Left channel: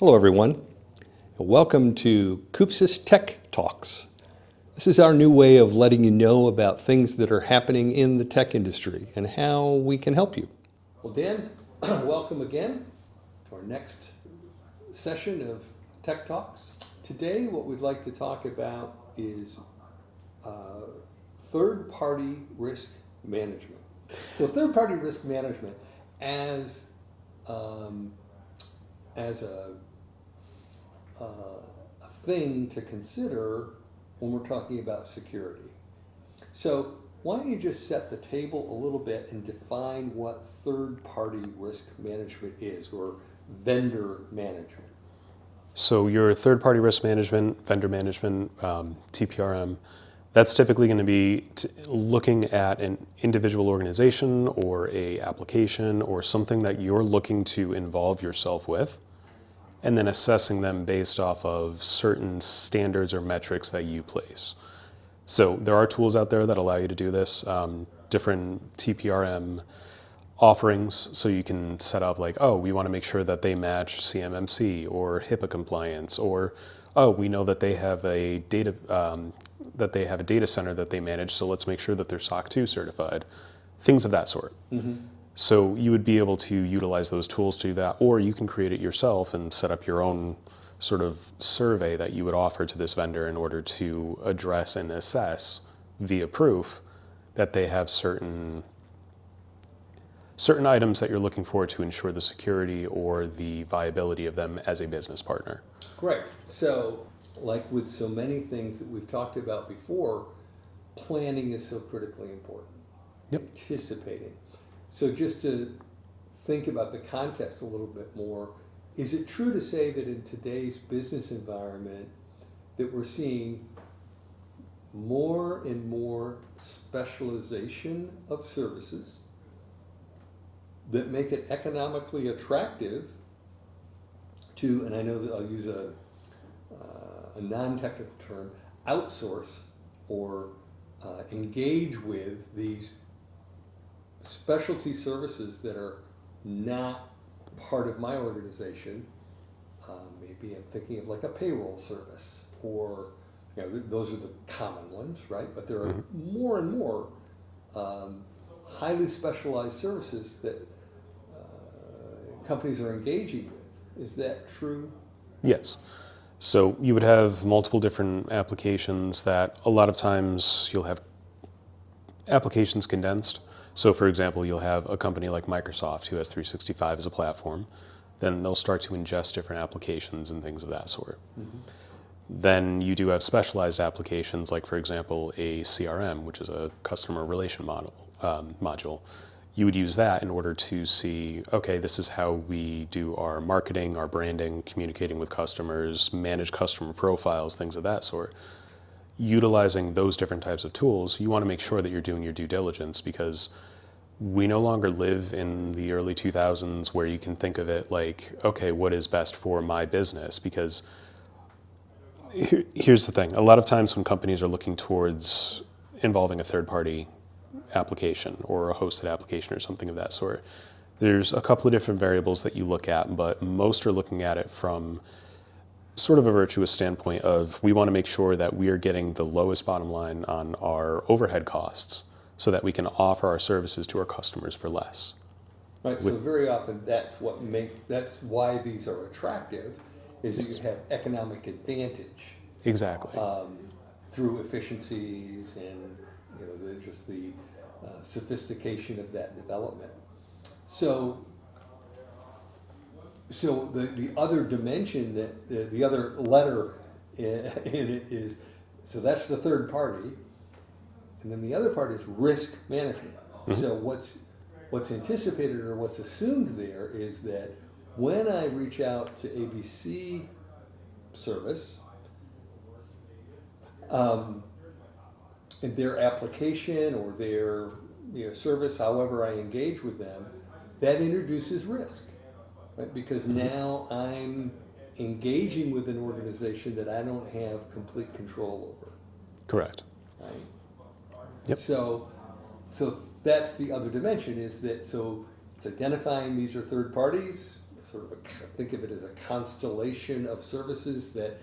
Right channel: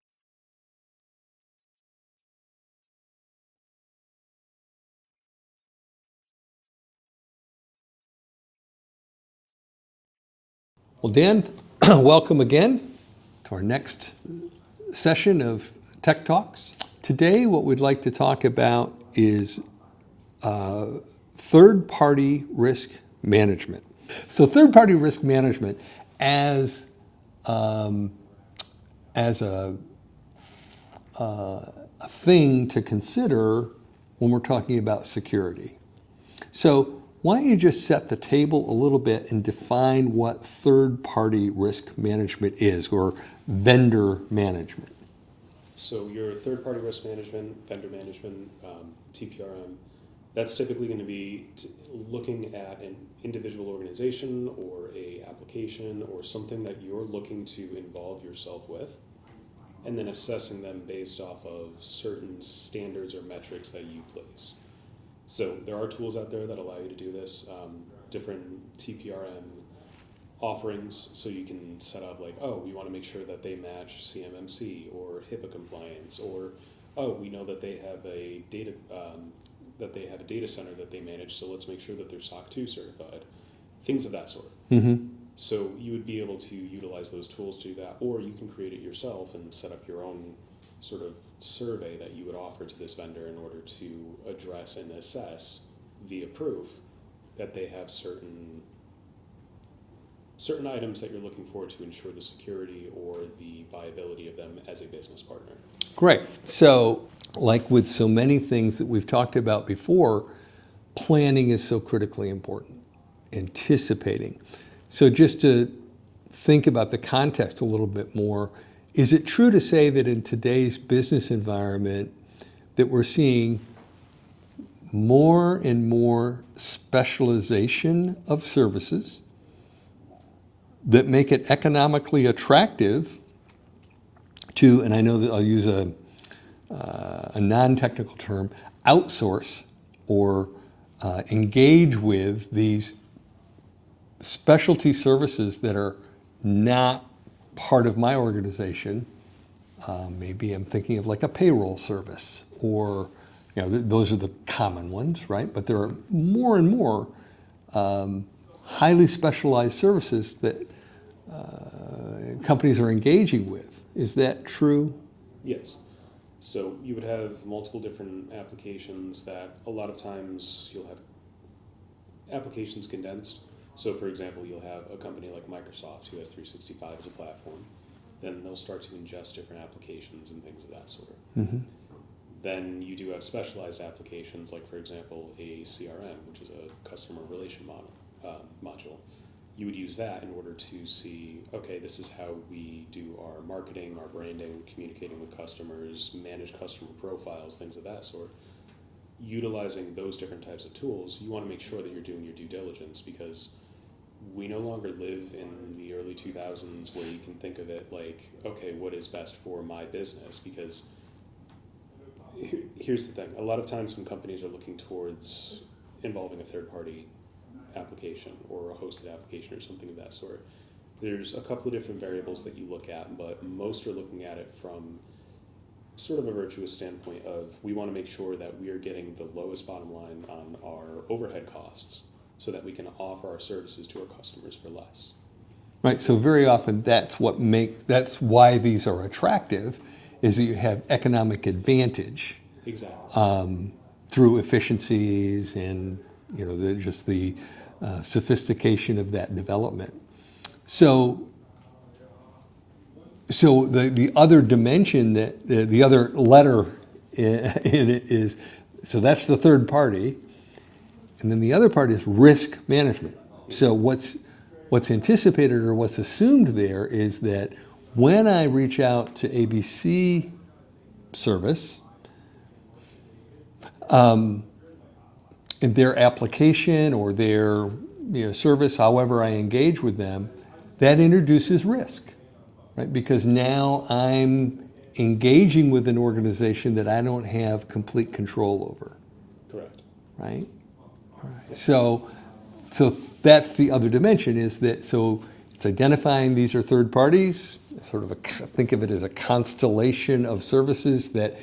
Hello everyone, welcome to Coopsys TechTalks. This is our new way of letting you know about things that are happening in the tech industry and how we can help you. Well, Dan, welcome again to our next session of Tech Talks. Today what we'd like to talk about is third-party risk management. So third-party risk management as a thing to consider when we're talking about security. So why don't you just set the table a little bit and define what third-party risk management is, or vendor management? So your third-party risk management, vendor management, TPRM, that's typically going to be looking at an individual organization or a application or something that you're looking to involve yourself with, and then assessing them based off of certain standards or metrics that you place. So there are tools out there that allow you to do this, different TPRM offerings, so you can set up like, oh, we want to make sure that they match CMMC or HIPAA compliance, or oh, we know that they have a data center that they manage, so let's make sure that they're SOC 2 certified, things of that sort. Mm-hmm. So you would be able to utilize those tools to do that, or you can create it yourself and set up your own sort of survey that you would offer to this vendor in order to address and assess via proof that they have certain items that you're looking for to ensure the security or the viability of them as a business partner. Great. So like with so many things that we've talked about before, planning is so critically important. Yep. Anticipating. So just to think about the context a little bit more, is it true to say that in today's business environment that we're seeing more and more specialization of services that make it economically attractive to, and I know that I'll use a non-technical term, outsource or engage with these specialty services that are not part of my organization? Maybe I'm thinking of like a payroll service, or those are the common ones, right? But there are more and more highly specialized services that companies are engaging with. Is that true? Yes. So you would have multiple different applications that a lot of times you'll have applications condensed. So for example, you'll have a company like Microsoft who has 365 as a platform. Then they'll start to ingest different applications and things of that sort. Mm-hmm. Then you do have specialized applications like, for example, a CRM, which is a customer relation module. You would use that in order to see, okay, this is how we do our marketing, our branding, communicating with customers, manage customer profiles, things of that sort. Utilizing those different types of tools, you want to make sure that you're doing your due diligence, because we no longer live in the early 2000s where you can think of it like, okay, what is best for my business? Because here's the thing. A lot of times when companies are looking towards involving a third-party application or a hosted application or something of that sort, there's a couple of different variables that you look at, but most are looking at it from sort of a virtuous standpoint of, we want to make sure that we are getting the lowest bottom line on our overhead costs so that we can offer our services to our customers for less. Right, so very often that's why these are attractive, is that you have economic advantage. Exactly. Through efficiencies and just the sophistication of that development. So the other dimension, that the other letter in it is, so that's the third party, and then the other part is risk management. Mm-hmm. So what's anticipated or what's assumed there is that when I reach out to ABC service, in their application or their service, however I engage with them, that introduces risk, right? Because now I'm engaging with an organization that I don't have complete control over. Correct. Right? Yep. So that's the other dimension, is that, so it's identifying these are third parties, sort of think of it as a constellation of services that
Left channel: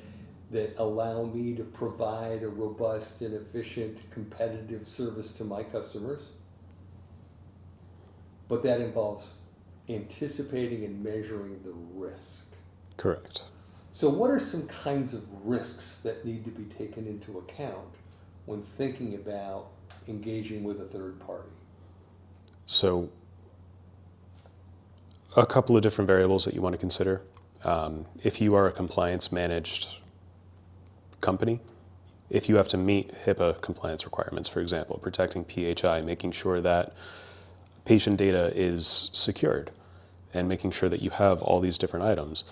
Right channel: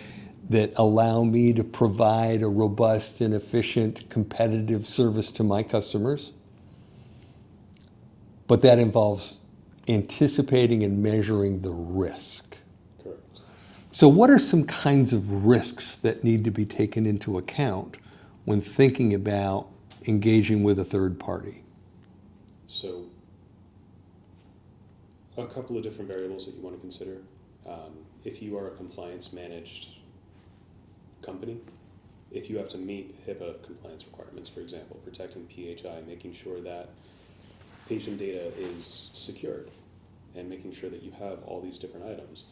allow me to provide a robust and efficient, competitive service to my customers. But that involves anticipating and measuring the risk. Correct. So what are some kinds of risks that need to be taken into account when thinking about engaging with a third party? So a couple of different variables that you want to consider. If you are a compliance managed company, if you have to meet HIPAA compliance requirements, for example, protecting PHI, making sure that patient data is secured, and making sure that you have all these different items,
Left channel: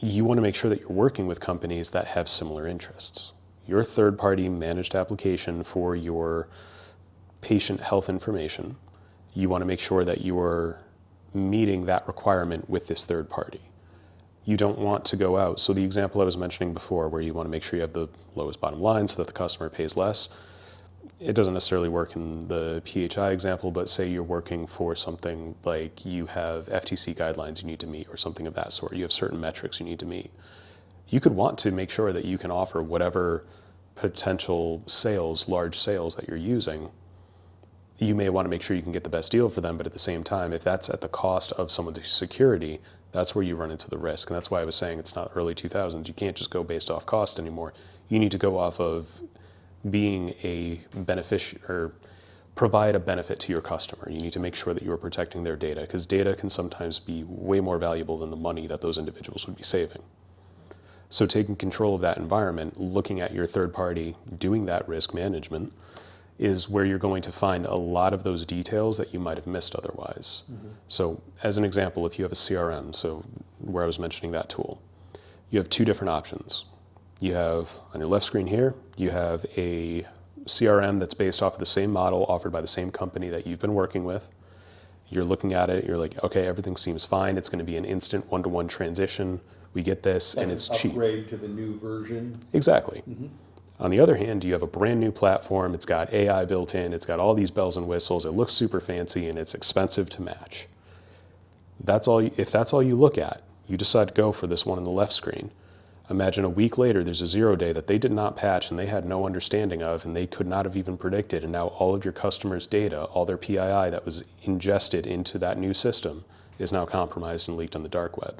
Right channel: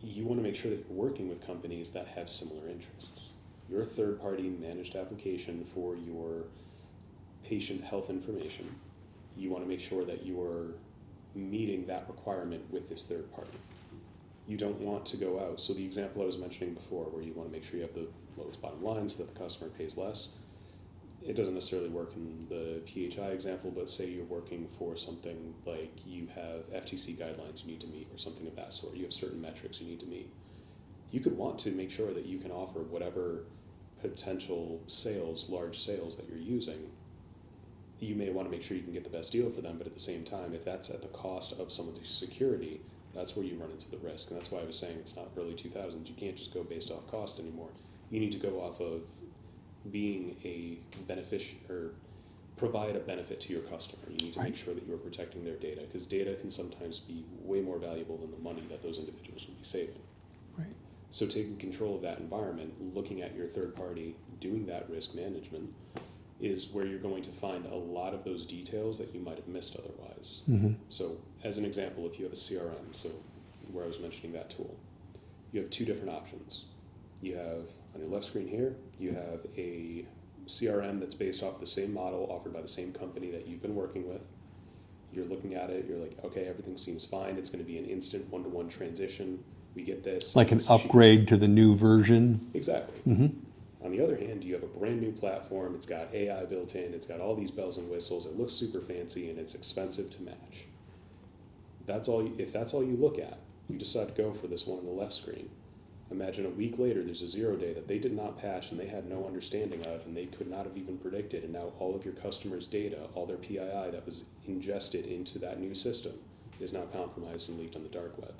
you want to make sure that you're working with companies that have similar interests. Your third-party managed application for your patient health information, you want to make sure that you are meeting that requirement with this third party. You don't want to go out. So the example I was mentioning before, where you want to make sure you have the lowest bottom line so that the customer pays less, it doesn't necessarily work in the PHI example, but say you're working for something like you have FTC guidelines you need to meet or something of that sort. You have certain metrics you need to meet. You could want to make sure that you can offer whatever potential sales, large sales that you're using. You may want to make sure you can get the best deal for them, but at the same time, if that's at the cost of someone's security, that's where you run into the risk. And that's why I was saying it's not early 2000s. You can't just go based off cost anymore. You need to go off of being a beneficiary, or provide a benefit to your customer. You need to make sure that you are protecting their data, because data can sometimes be way more valuable than the money that those individuals would be saving. Right. So taking control of that environment, looking at your third party, doing that risk management, is where you're going to find a lot of those details that you might have missed otherwise. Mm-hmm. So as an example, if you have a CRM, so where I was mentioning that tool, you have two different options. You have, on your left screen here, you have a CRM that's based off of the same model offered by the same company that you've been working with. You're looking at it, you're like, okay, everything seems fine. It's going to be an instant one-to-one transition. We get this. Like an upgrade to the new version? Exactly. Mm-hmm. On the other hand, you have a brand new platform. It's got AI built in. It's got all these bells and whistles. It looks super fancy, and it's expensive to match. That's all. If that's all you look at, you decide to go for this one on the left screen. Imagine a week later, there's a 0 day that they did not patch and they had no understanding of, and they could not have even predicted. And now all of your customers' data, all their PII that was ingested into that new system, is now compromised and leaked on the dark web.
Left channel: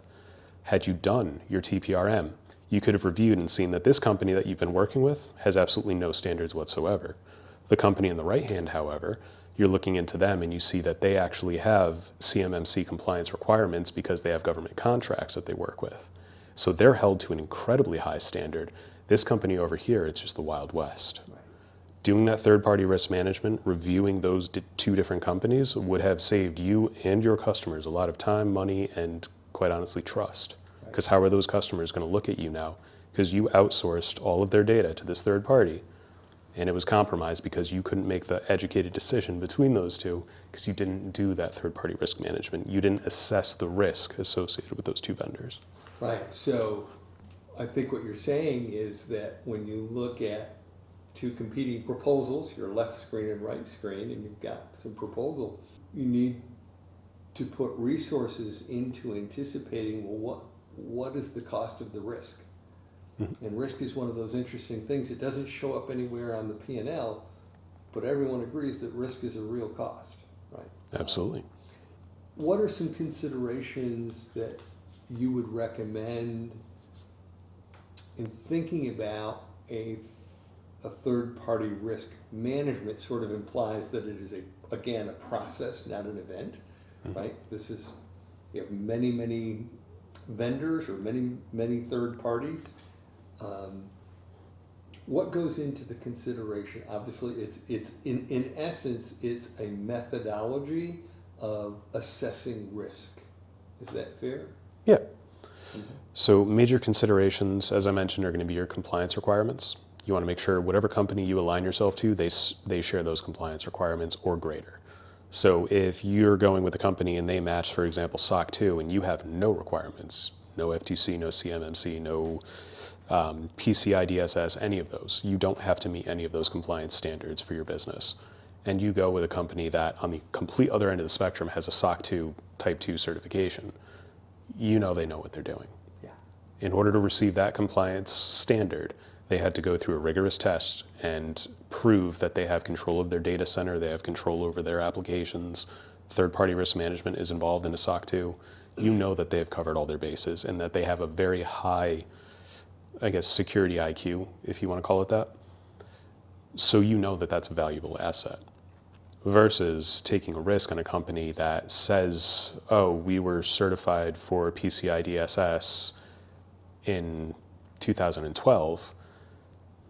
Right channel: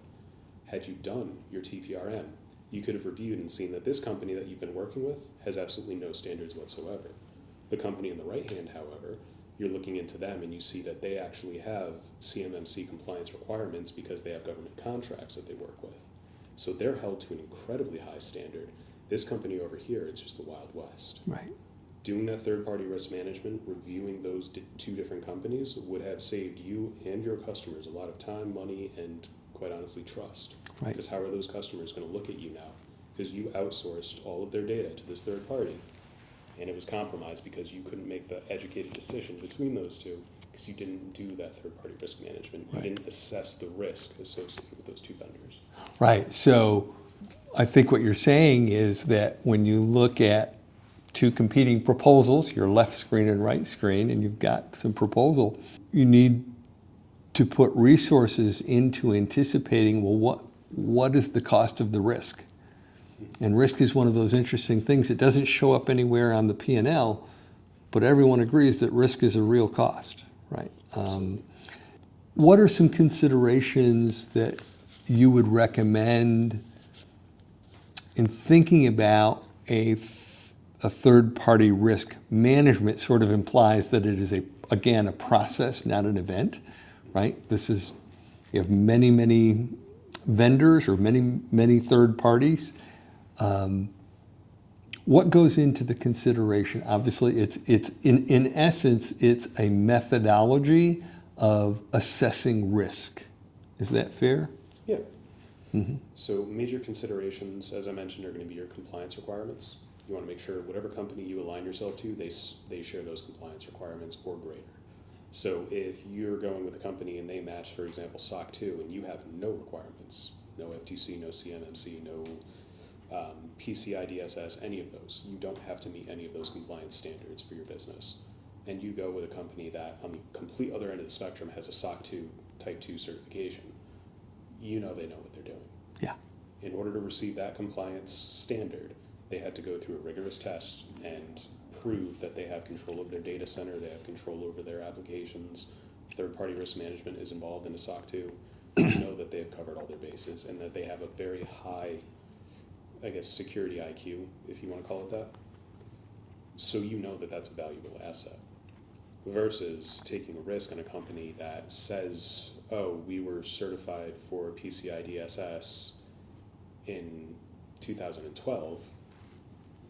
Had you done your TPRM, you could have reviewed and seen that this company that you've been working with has absolutely no standards whatsoever. The company on the right hand, however, you're looking into them and you see that they actually have CMMC compliance requirements because they have government contracts that they work with. So they're held to an incredibly high standard. This company over here, it's just the Wild West. Right. Doing that third-party risk management, reviewing those two different companies would have saved you and your customers a lot of time, money, and quite honestly, trust. Because how are those customers going to look at you now? Because you outsourced all of their data to this third party, and it was compromised because you couldn't make the educated decision between those two because you didn't do that third-party risk management. You didn't assess the risk associated with those two vendors. Right. So I think what you're saying is that when you look at two competing proposals, your left screen and right screen, and you've got some proposal, you need to put resources into anticipating, well, what is the cost of the risk? Mm-hmm. And risk is one of those interesting things. It doesn't show up anywhere on the P&L, but everyone agrees that risk is a real cost, right? Absolutely. What are some considerations that you would recommend in thinking about a third-party risk management? Sort of implies that it is, again, a process, not an event, right? This is, you have many, many vendors or many third parties. What goes into the consideration? Obviously, it's in essence, it's a methodology of assessing risk. Is that fair? Yeah. Mm-hmm. So major considerations, as I mentioned, are going to be your compliance requirements. You want to make sure whatever company you align yourself to, they share those compliance requirements or greater. So if you're going with a company and they match, for example, SOC 2, and you have no requirements, no FTC, no CMMC, no PCI DSS, any of those, you don't have to meet any of those compliance standards for your business. And you go with a company that on the complete other end of the spectrum has a SOC 2 Type 2 certification. you know they know what they're doing. Yeah. In order to receive that compliance standard, they had to go through a rigorous test and prove that they have control of their data center, they have control over their applications, third-party risk management is involved in a SOC 2. You know that they have covered all their bases and that they have a very high, I guess, security IQ, if you want to call it that. So you know that that's a valuable asset. Versus taking a risk on a company that says, oh, we were certified for PCI DSS in 2012,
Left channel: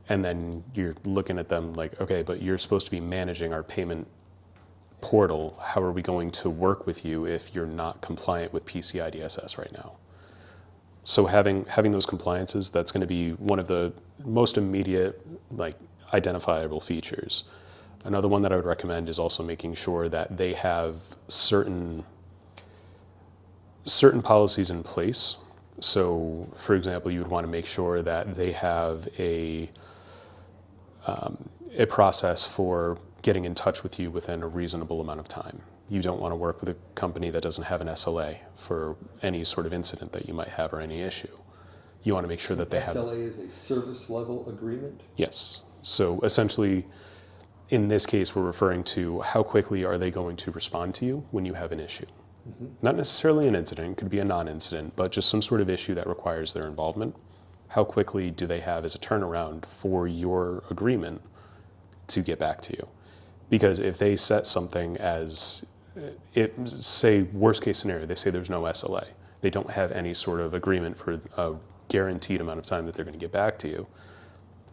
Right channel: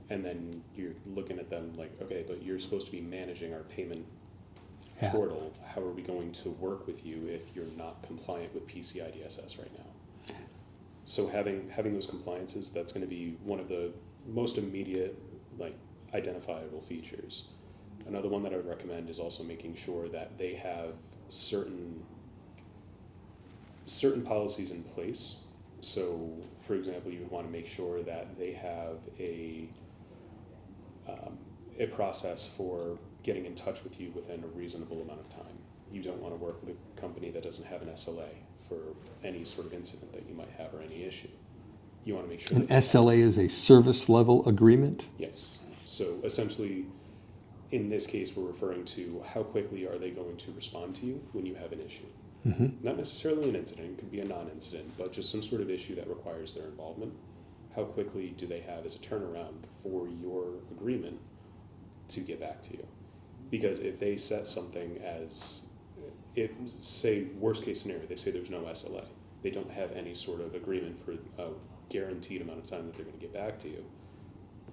and then you're looking at them like, okay, but you're supposed to be managing our payment portal. How are we going to work with you if you're not compliant with PCI DSS right now? So having those compliances, that's going to be one of the most immediate, like, identifiable features. Another one that I would recommend is also making sure that they have certain policies in place. So, for example, you would want to make sure that they have a process for getting in touch with you within a reasonable amount of time. You don't want to work with a company that doesn't have an SLA for any sort of incident that you might have or any issue. You want to make sure that they have SLA is a service level agreement? Yes. So essentially, in this case, we're referring to how quickly are they going to respond to you when you have an issue. Mm-hmm. Not necessarily an incident, it could be a non-incident, but just some sort of issue that requires their involvement. How quickly do they have as a turnaround for your agreement to get back to you? Because if they set something as, say worst case scenario, they say there's no SLA. They don't have any sort of agreement for a guaranteed amount of time that they're going to get back to you.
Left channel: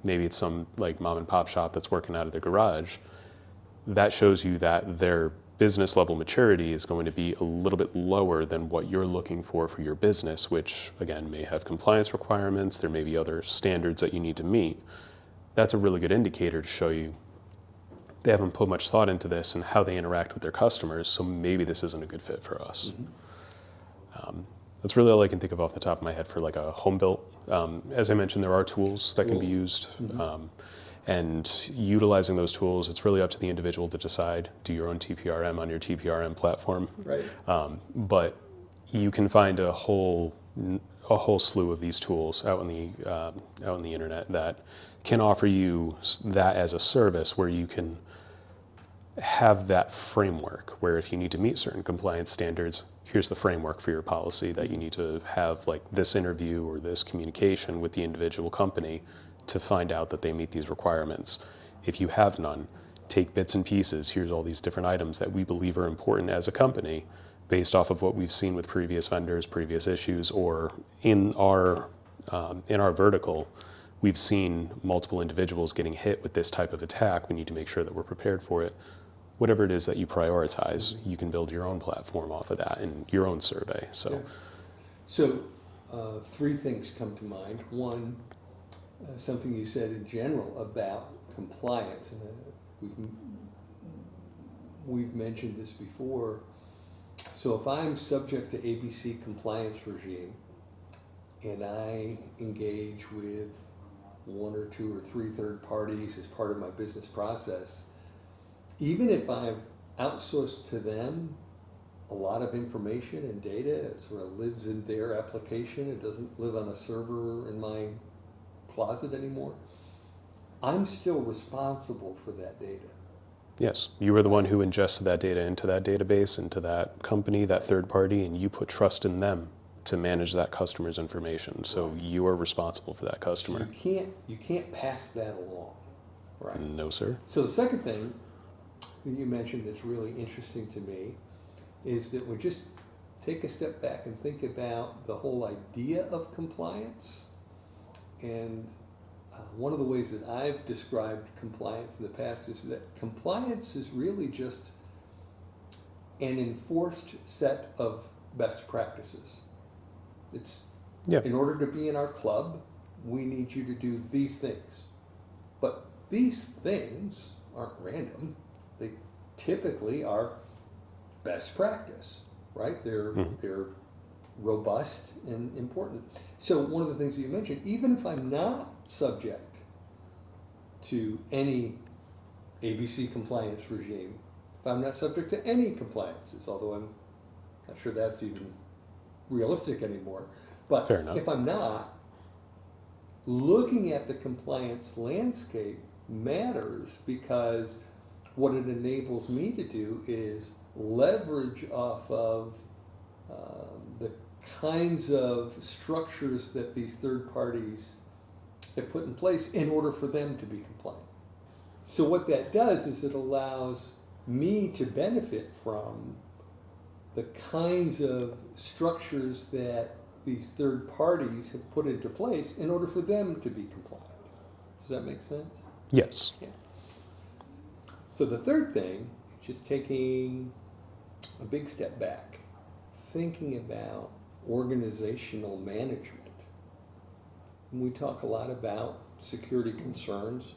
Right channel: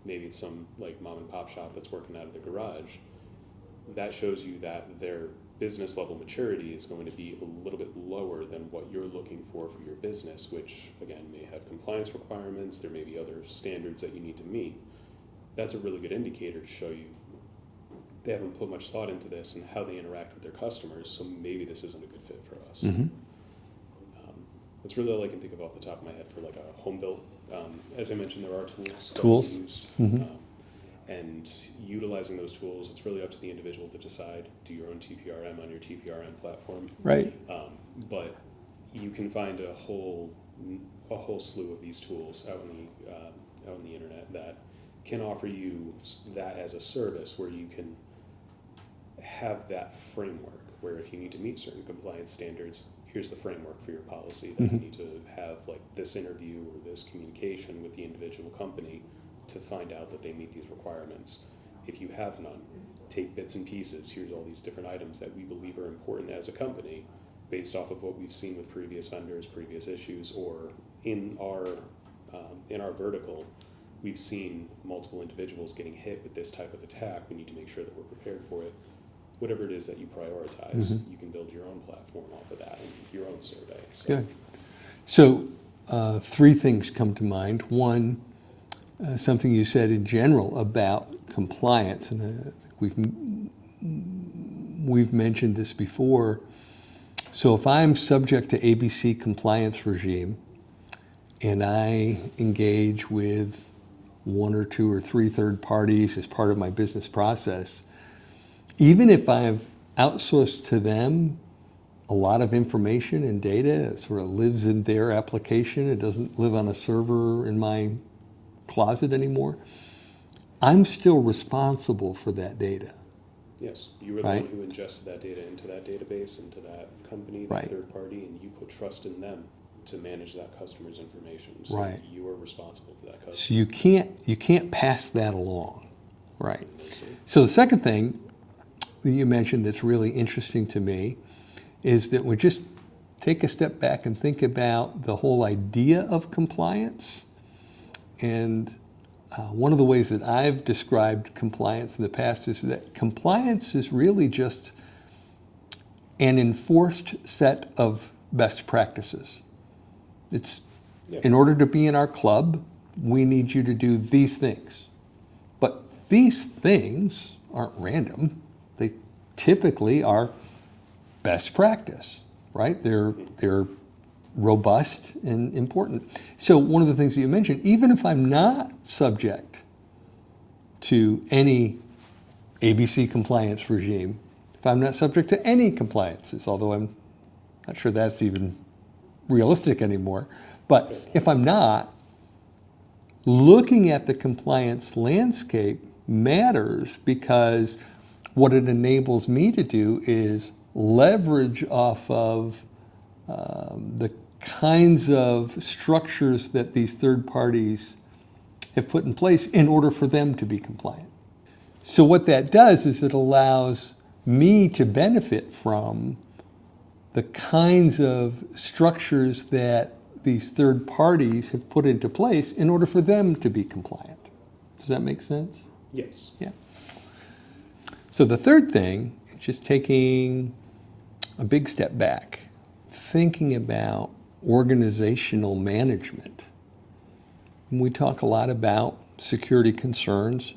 Maybe it's some like mom and pop shop that's working out of their garage. That shows you that their business level maturity is going to be a little bit lower than what you're looking for your business, which again may have compliance requirements. There may be other standards that you need to meet. That's a really good indicator to show you they haven't put much thought into this and how they interact with their customers, so maybe this isn't a good fit for us. Mm-hmm. That's really all I can think of off the top of my head for like a home built. As I mentioned, there are tools that can be used. Mm-hmm. And utilizing those tools, it's really up to the individual to decide. Do your own TPRM on your TPRM platform. Right. But you can find a whole slew of these tools out on the internet that can offer you that as a service, where you can have that framework where if you need to meet certain compliance standards, here's the framework for your policy that you need to have, like this interview or this communication with the individual company to find out that they meet these requirements. If you have none, take bits and pieces. Here's all these different items that we believe are important as a company based off of what we've seen with previous vendors, previous issues, or in our vertical, we've seen multiple individuals getting hit with this type of attack. We need to make sure that we're prepared for it. Whatever it is that you prioritize, you can build your own platform off of that and your own survey. So, yeah. So three things come to mind. One, something you said in general about compliance, and we've mentioned this before. So if I'm subject to ABC compliance regime and I engage with one or two or three third parties as part of my business process, even if I've outsourced to them a lot of information and data, it sort of lives in their application, it doesn't live on a server in my closet anymore, I'm still responsible for that data. Yes, you were the one who ingested that data into that database, into that company, that third party, and you put trust in them to manage that customer's information. So you are responsible for that customer. So you can't pass that along, right? No, sir. So the second thing that you mentioned that's really interesting to me is that we just take a step back and think about the whole idea of compliance. And one of the ways that I've described compliance in the past is that compliance is really just an enforced set of best practices. It's in order to be in our club, we need you to do these things. But these things aren't random. They typically are best practice, right? They're robust and important. So one of the things that you mentioned, even if I'm not subject to any ABC compliance regime, if I'm not subject to any compliances, although I'm not sure that's even realistic anymore. But Fair enough. if I'm not, looking at the compliance landscape matters, because what it enables me to do is leverage off of the kinds of structures that these third parties have put in place in order for them to be compliant. So what that does is it allows me to benefit from the kinds of structures that these third parties have put into place in order for them to be compliant. Does that make sense? Yes. Yeah. So the third thing, just taking a big step back, thinking about organizational management. We talk a lot about security concerns.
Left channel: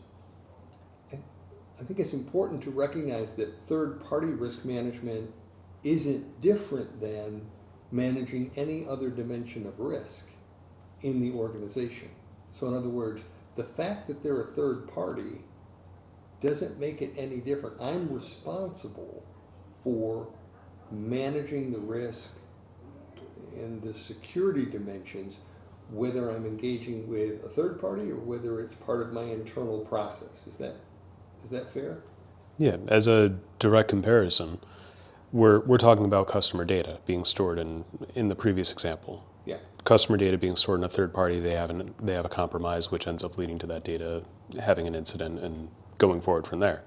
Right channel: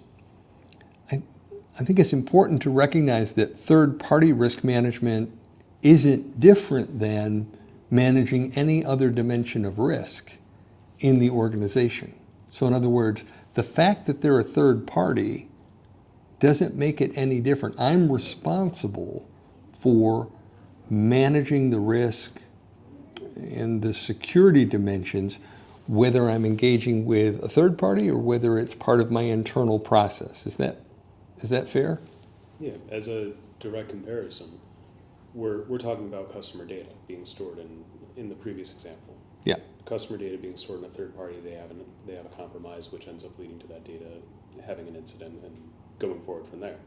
I think it's important to recognize that third-party risk management isn't different than managing any other dimension of risk in the organization. So in other words, the fact that they're a third party doesn't make it any different. I'm responsible for managing the risk and the security dimensions, whether I'm engaging with a third party or whether it's part of my internal process. Is that fair? Yeah, as a direct comparison, we're talking about customer data being stored in the previous example. Yeah. Customer data being stored in a third party, they have a compromise which ends up leading to that data having an incident and going forward from there.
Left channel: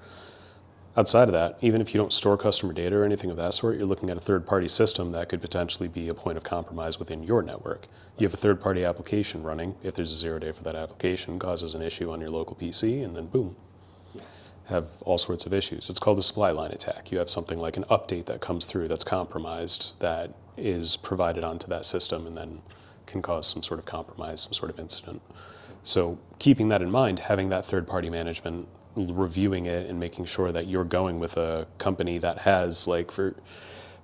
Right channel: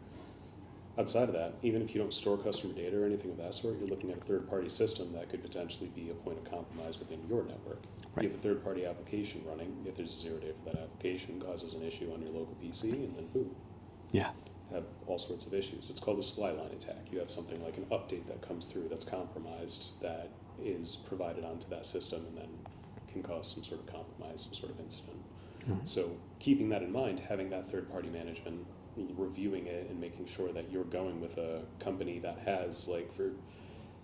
Outside of that, even if you don't store customer data or anything of that sort, you're looking at a third-party system that could potentially be a point of compromise within your network. Right. You have a third-party application running. If there's a 0 day for that application, causes an issue on your local PC, and then boom. Yeah. Have all sorts of issues. It's called a supply line attack. You have something like an update that comes through that's compromised, that is provided onto that system, and then can cause some sort of compromise, some sort of incident. Mm-hmm. So keeping that in mind, having that third-party management, reviewing it and making sure that you're going with a company that has, like, for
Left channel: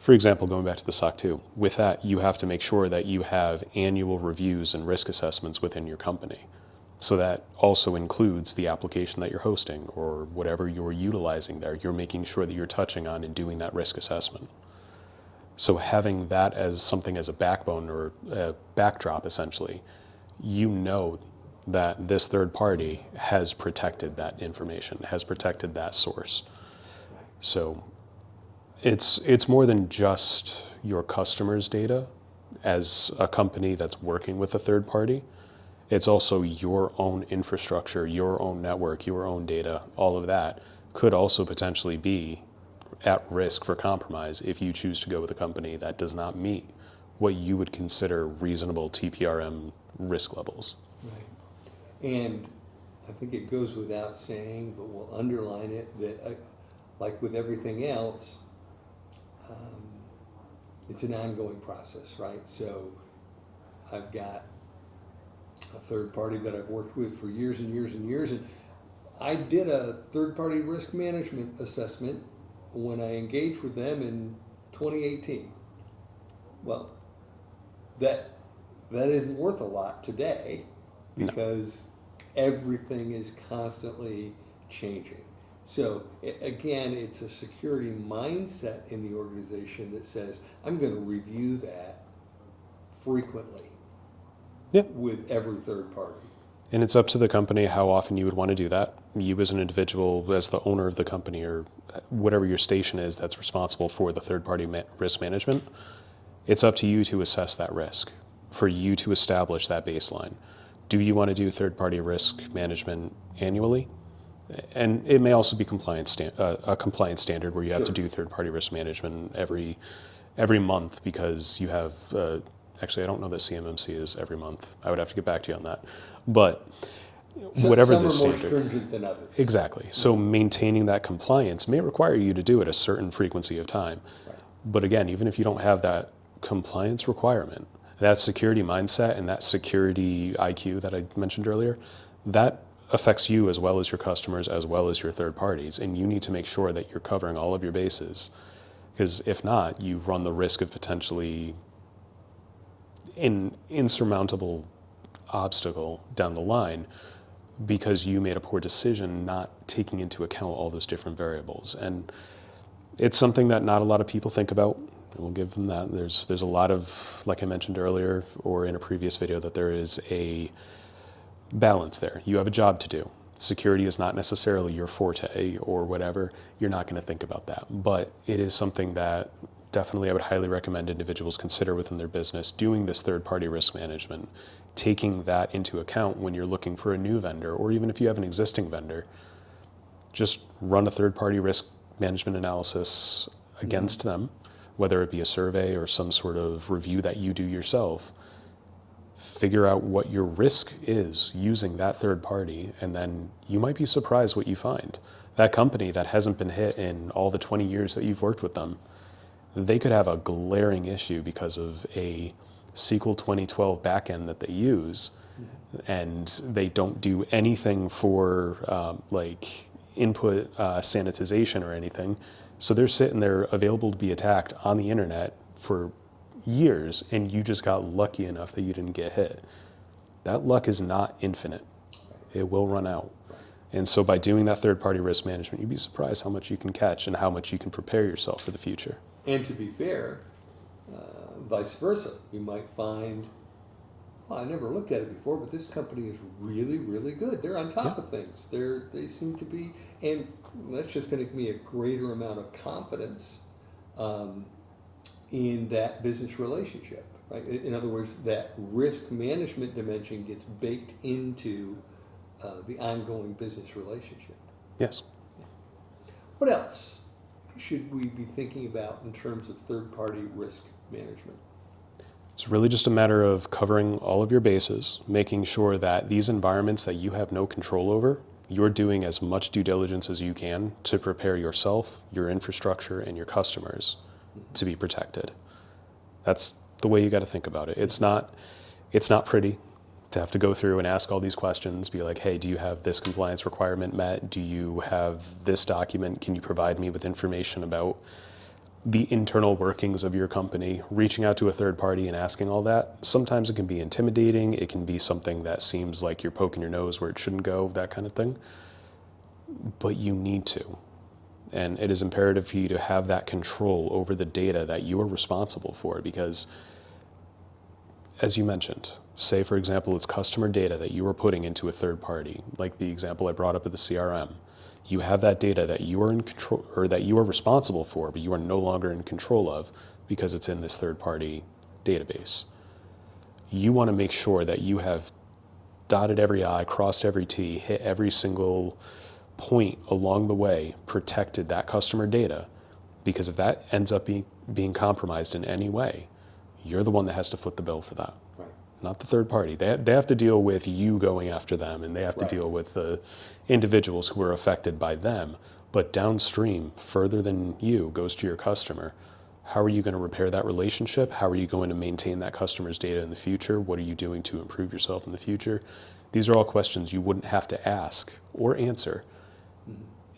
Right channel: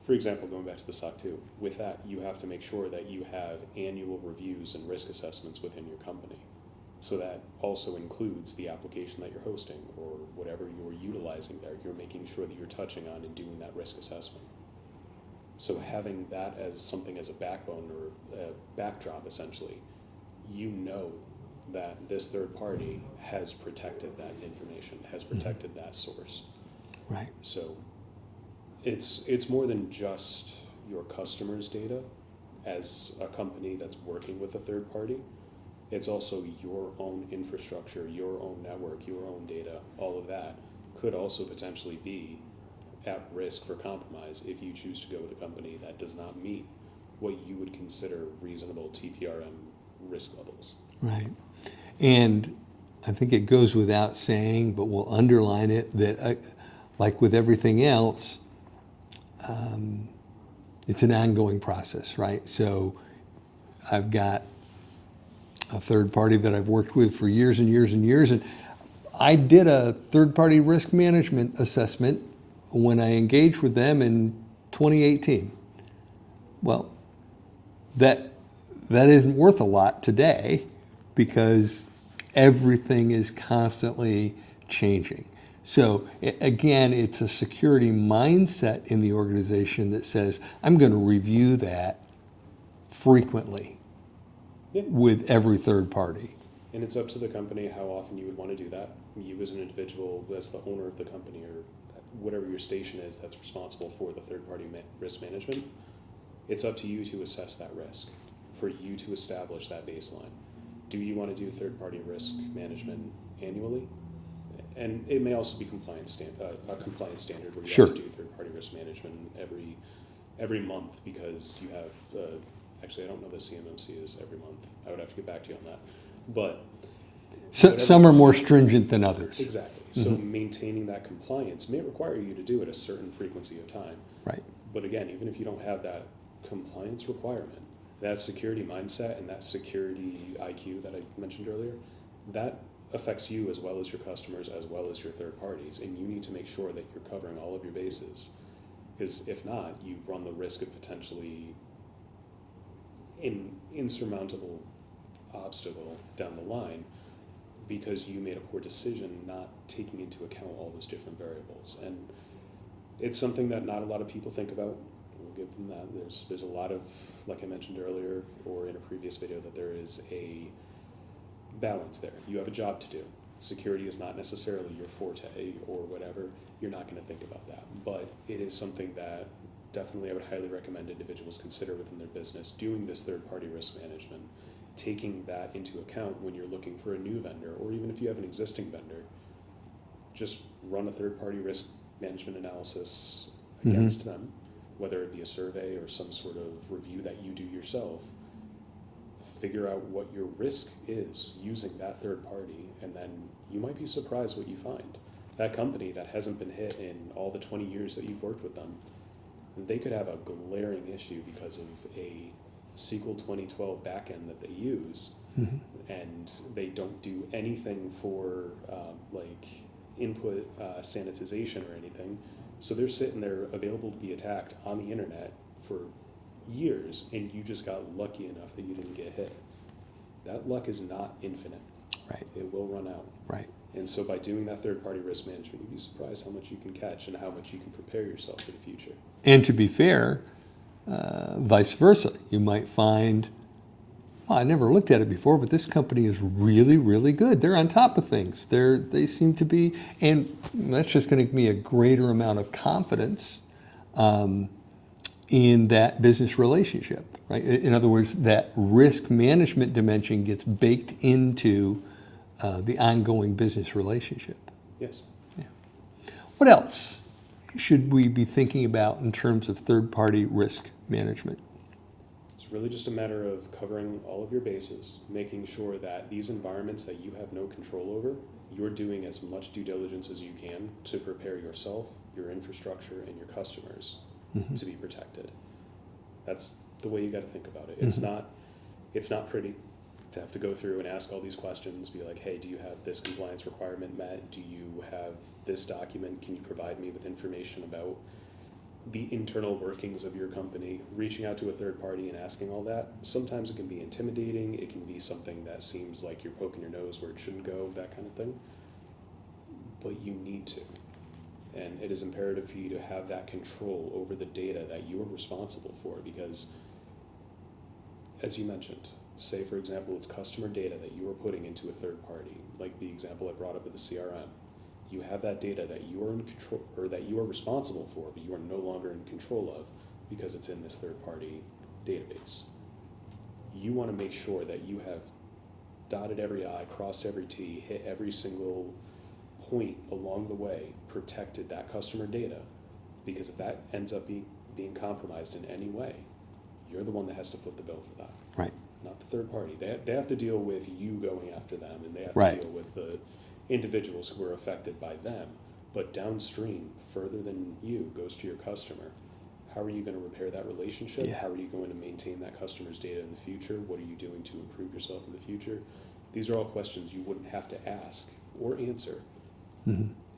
example, going back to the SOC 2, with that you have to make sure that you have annual reviews and risk assessments within your company. So that also includes the application that you're hosting or whatever you're utilizing there. You're making sure that you're touching on and doing that risk assessment. So having that as something as a backbone or a backdrop, essentially, you know that this third party has protected that information, has protected that source. Right. So it's more than just your customers' data as a company that's working with a third party. It's also your own infrastructure, your own network, your own data. All of that could also potentially be at risk for compromise if you choose to go with a company that does not meet what you would consider reasonable TPRM risk levels. Right. And I think it goes without saying, but we'll underline it, that like with everything else, it's an ongoing process, right? So I've got a third party that I've worked with for years and years and years, and I did a third-party risk management assessment when I engaged with them in 2018. Well, that isn't worth a lot today because everything is constantly changing. So again, it's a security mindset in the organization that says, I'm going to review that frequently. Yep. With every third party. And it's up to the company how often you would want to do that. You as an individual, as the owner of the company or whatever your station is that's responsible for the third-party risk management, it's up to you to assess that risk, for you to establish that baseline. Do you want to do third-party risk management annually? And it may also be a compliance standard where you Sure. have to do third-party risk management every month because you have, actually I don't know that CMMC is every month. I would have to get back to you on that. But whatever some are more standard, stringent than others. Exactly. So maintaining that compliance may require you to do it a certain frequency of time. Right. But again, even if you don't have that compliance requirement, that security mindset and that security IQ that I mentioned earlier, that affects you as well as your customers, as well as your third parties. And you need to make sure that you're covering all of your bases. Because if not, you run the risk of potentially an insurmountable obstacle down the line because you made a poor decision not taking into account all those different variables. And it's something that not a lot of people think about. We'll give them that. There's a lot of, like I mentioned earlier or in a previous video, that there is a balance there. You have a job to do. Security is not necessarily your forte or whatever. You're not going to think about that. But it is something that definitely I would highly recommend individuals consider within their business, doing this third-party risk management, taking that into account when you're looking for a new vendor, or even if you have an existing vendor. Just run a third-party risk management analysis against them, whether it be a survey or some sort of review that you do yourself. Figure out what your risk is using that third party, and then you might be surprised what you find. That company that hasn't been hit in all the 20 years that you've worked with them, they could have a glaring issue because of a SQL 2012 backend that they use, and they don't do anything for like input sanitization or anything. So they're sitting there available to be attacked on the internet for years, and you just got lucky enough that you didn't get hit. That luck is not infinite. Right. It will run out. Right. And so by doing that third-party risk management, you'd be surprised how much you can catch and how much you can prepare yourself for the future. And to be fair, vice versa. You might find, well, I never looked at it before, but this company is really, really good. They're on top of things. They seem to be, and that's just going to give me a greater amount of confidence in that business relationship, right? In other words, that risk management dimension gets baked into the ongoing business relationship. Yes. Yeah. What else should we be thinking about in terms of third-party risk management? It's really just a matter of covering all of your bases, making sure that these environments that you have no control over, you're doing as much due diligence as you can to prepare yourself, your infrastructure, and your customers to be protected. That's the way you got to think about it. It's not pretty to have to go through and ask all these questions, be like, hey, do you have this compliance requirement met? Do you have this document? Can you provide me with information about the internal workings of your company? Reaching out to a third party and asking all that, sometimes it can be intimidating. It can be something that seems like you're poking your nose where it shouldn't go, that kind of thing. But you need to. And it is imperative for you to have that control over the data that you are responsible for, because as you mentioned, say for example, it's customer data that you are putting into a third party, like the example I brought up with the CRM. You have that data that you are in control, or that you are responsible for, but you are no longer in control of because it's in this third party database. You want to make sure that you have dotted every I, crossed every T, hit every single point along the way, protected that customer data, because if that ends up being compromised in any way, you're the one that has to foot the bill for that. Right. Not the third party. They have to deal with you going after them, and they have to deal with the individuals who are affected by them. But downstream, further than you, goes to your customer. How are you going to repair that relationship? Yeah. How are you going to maintain that customer's data in the future? What are you doing to improve yourself in the future? These are all questions you wouldn't have to ask or answer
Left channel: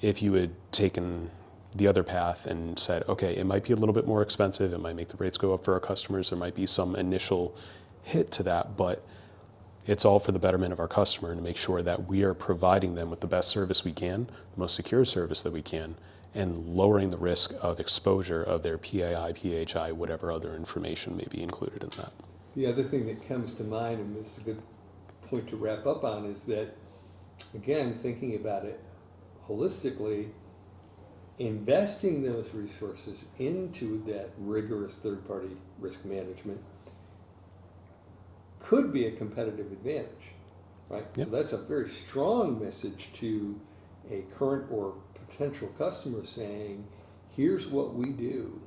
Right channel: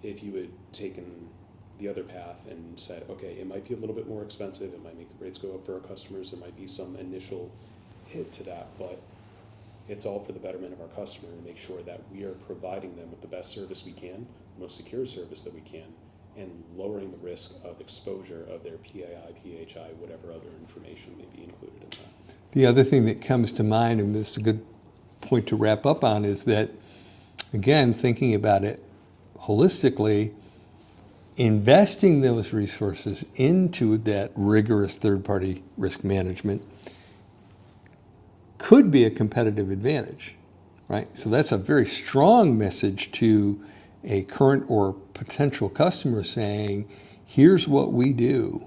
if you had taken the other path and said, okay, it might be a little bit more expensive, it might make the rates go up for our customers, there might be some initial hit to that, but it's all for the betterment of our customer, to make sure that we are providing them with the best service we can, the most secure service that we can, and lowering the risk of exposure of their PII, PHI, whatever other information may be included in that. The other thing that comes to mind, and this is a good point to wrap up on, is that, again, thinking about it holistically, investing those resources into that rigorous third-party risk management could be a competitive advantage, right? Yep. So that's a very strong message to a current or potential customer saying, here's what we do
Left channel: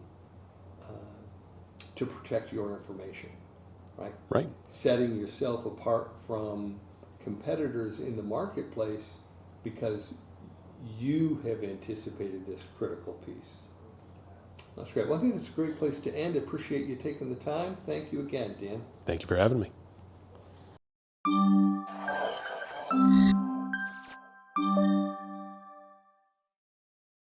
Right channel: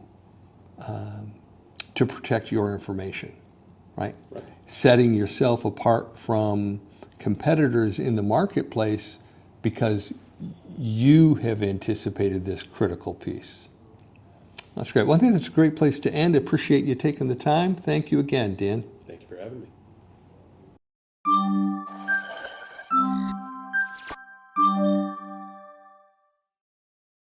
to protect your information, right? Right. Setting yourself apart from competitors in the marketplace because you have anticipated this critical piece. That's great. Well, I think that's a great place to end. I appreciate you taking the time. Thank you again, Dan. Thank you for having me.